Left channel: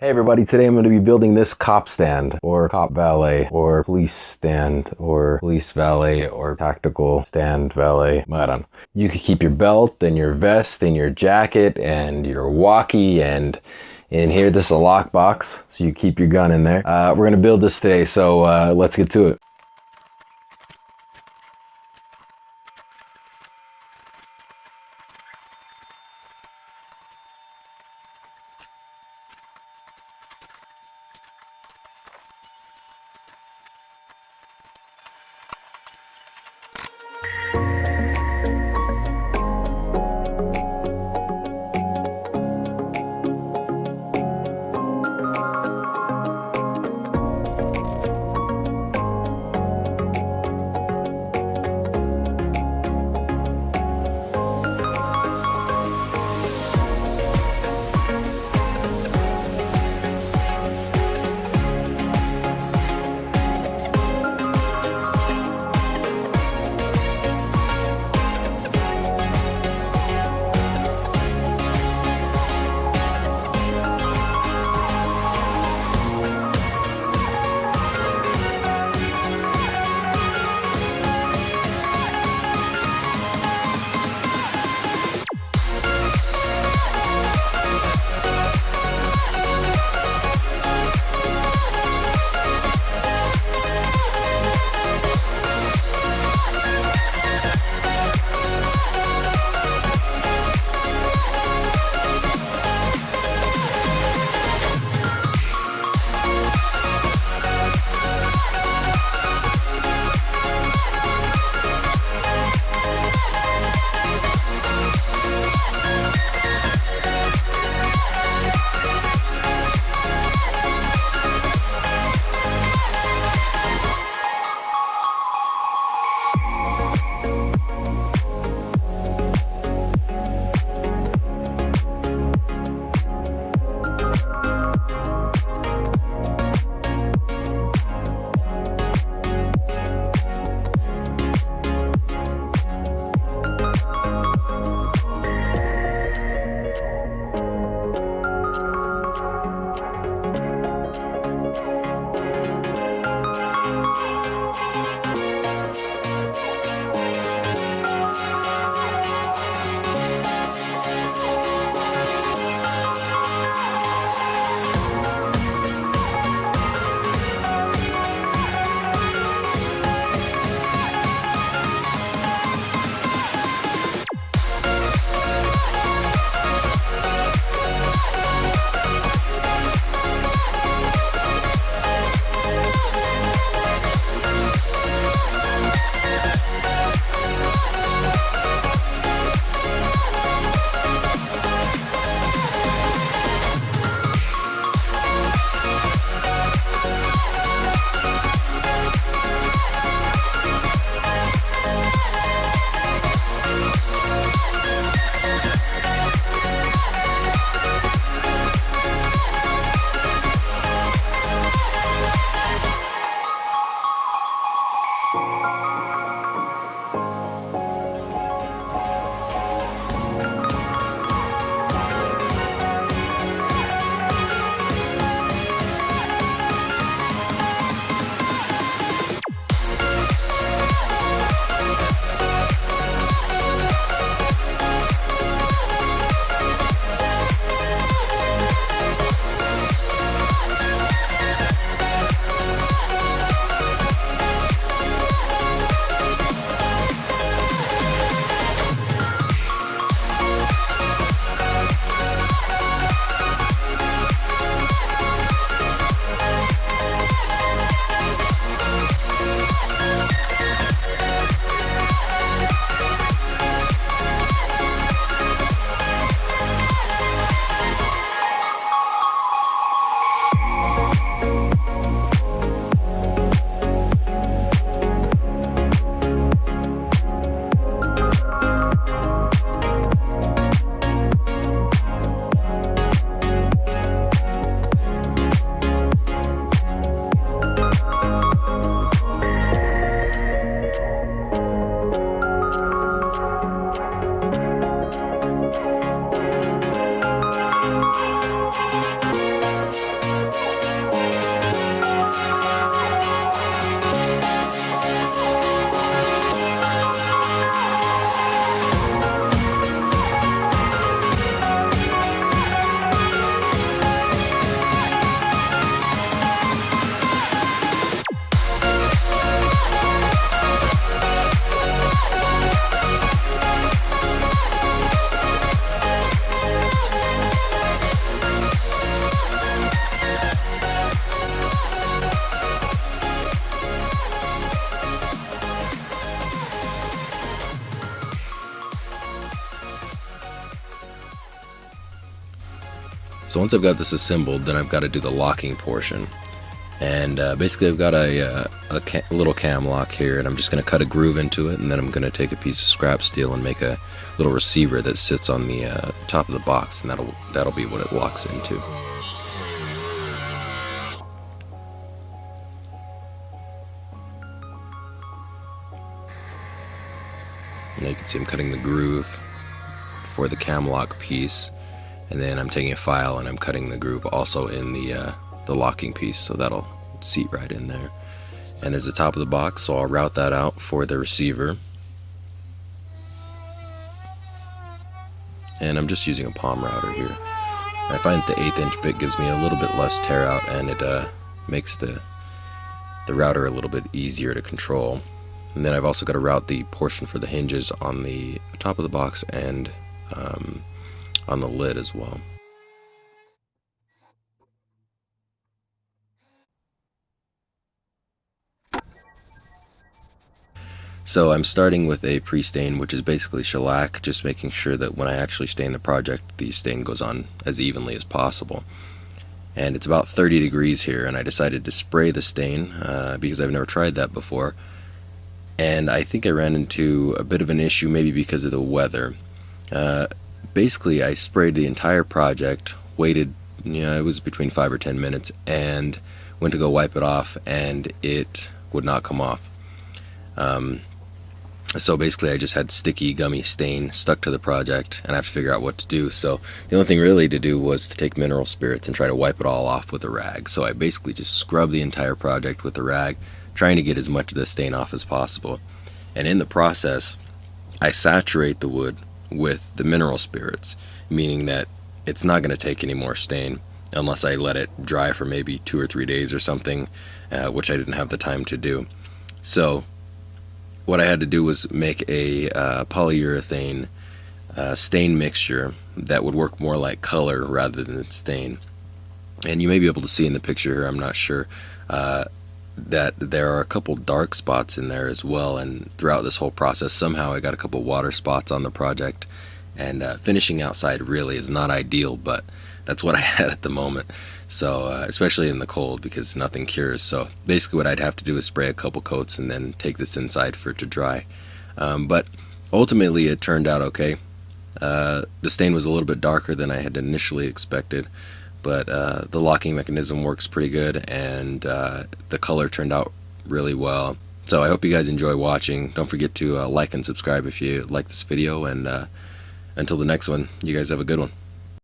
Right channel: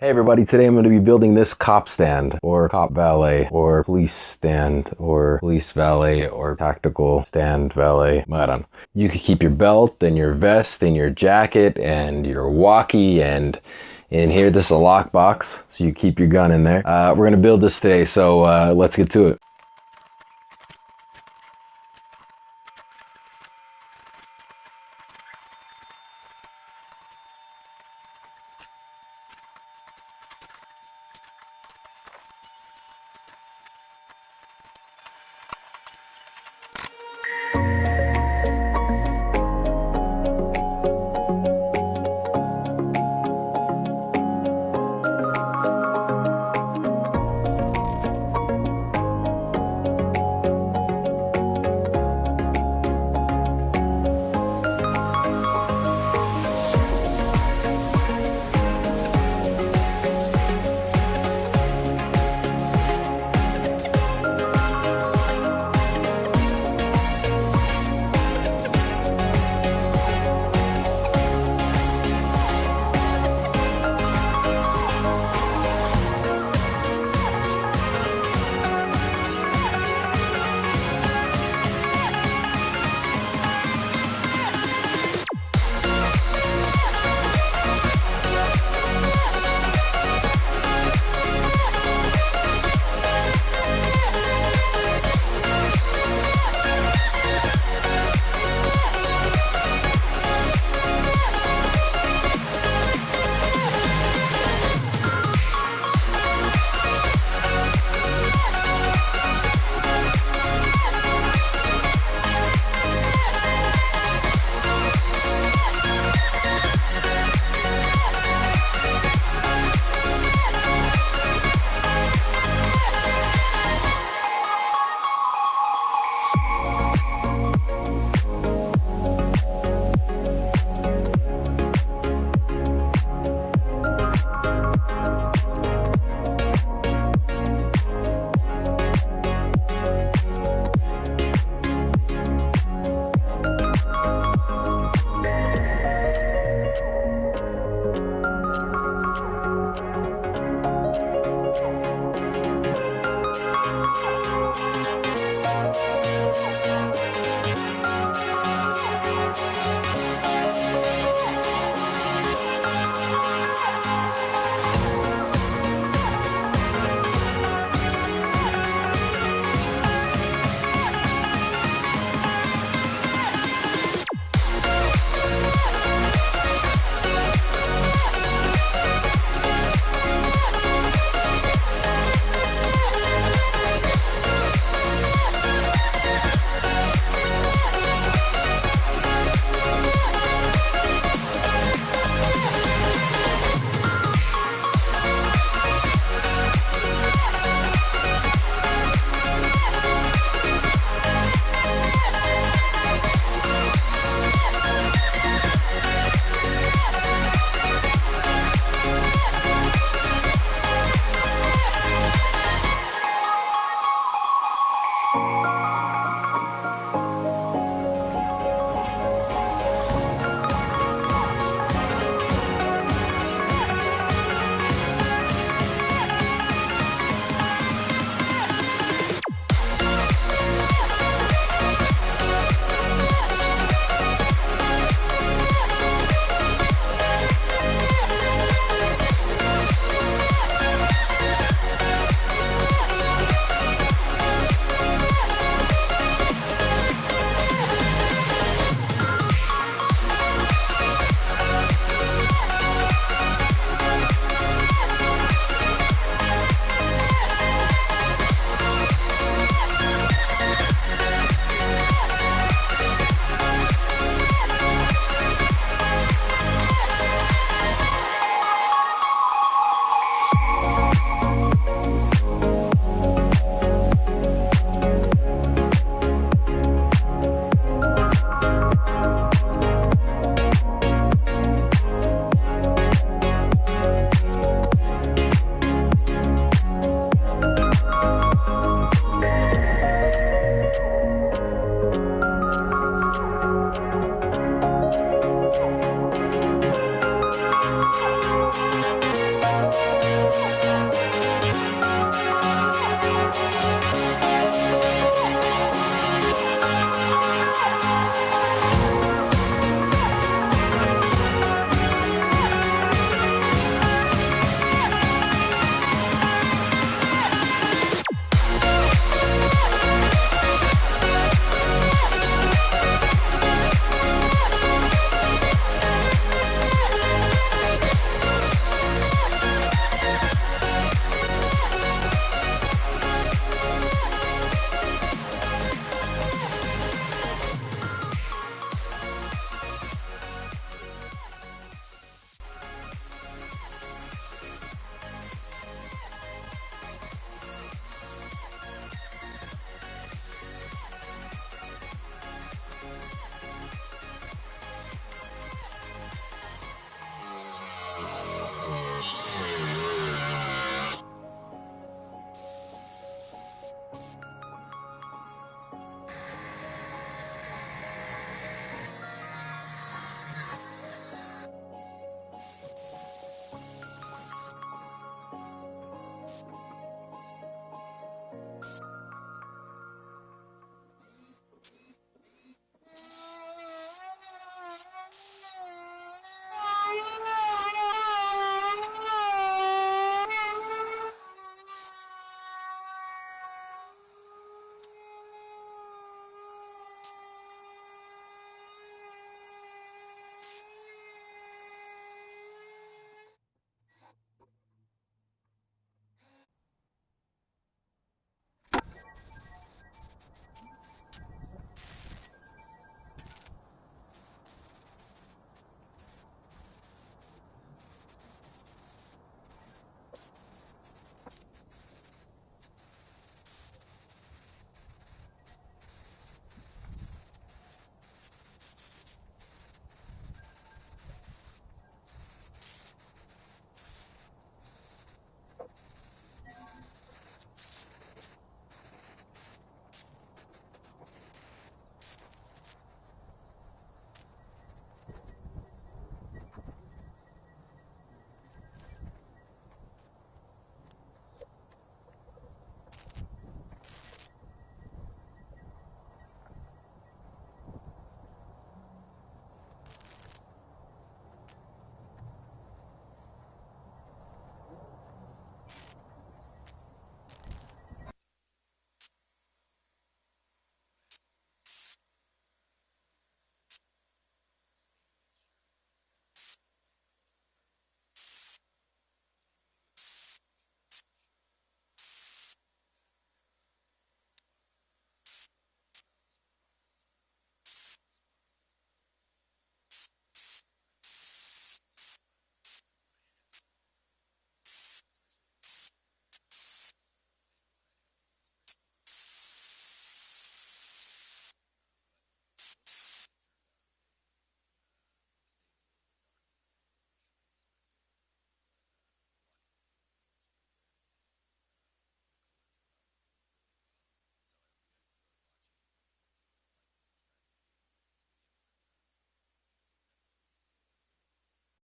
Hey everybody, today I'm going to be building this cop stand, or cop valet, or police stand, or police valet, or tactical stand valet. I don't know. You could keep your belt and your vest and your jacket and your walkie, and in here this is a lockbox, so you keep your gun in there. We're going to build this today, so let's get to it. So once I've got this assembled, then I've got to do the locking portion. And basically I've got a little cam lock here, and I'm just going to cut a groove into it, and then I'm going to take a piece of scrap steel and make a little receiver that sits on the top of the box, and that'll be what it locks into. And you can see I'm cutting the groove for the cam lock piece, and then I'm taking a file and I'm cutting the groove also in the locking piece, so that'll seat right in there. And there's the top of the box, so I'll route that out for the receiver. And I'm just using a palm router here. I find that the 1/8 inch bit gives me a little bit less tear out, and it makes the router a little bit easier to control. And then I've also got to route the portion for the hinges on the top of the box and on the lid as well. So I'm starting with a pre-stain, which is basically shellac, just making sure that when I actually stain the project, the stain goes on as evenly as possible. And it's about 30 degrees here, and I decided to spray the stain because I've never tried that before. And I think I ran into a bit of an issue, maybe because of the weather. Basically, I sprayed the entire project, waited, it was between 5 or 10 minutes, and went to go wipe it off, and it would not come off. So basically, I just had sticky, gummy stain stuck to the project, and I have to figure out what to do. So the only thing really to do was to take mineral spirits and try to wipe it all off with a rag. So I basically just scrubbed the entire project with a rag, trying to get as much of the stain off as possible. And in the process, I saturate the wood with the mineral spirits, meaning that it's not going to take any more stain unless I let it dry for maybe 2 or 3 days or something, which I didn't have the time to do. So what I had to do was make a polyurethane stain mixture that would work more like color rather than stain. And you may be able to see in the picture here, I'm not sure, that there are a couple dark spots in there as well. And throughout this whole process, somehow I got a couple water spots on the project. And finishing outside really is not ideal, but that's what I had at the moment. So especially in the cold, because nothing cures. So basically what I'd have to do is spray a couple coats and then take this inside for it to dry. But ultimately it turned out okay. The stain was a little bit darker than I had initially expected, but the locking mechanism works pretty good, and the color turned out really well. So I hope you guys enjoy watching. Don't forget to like and subscribe if you like this video, and until the next one, you guys have a good one.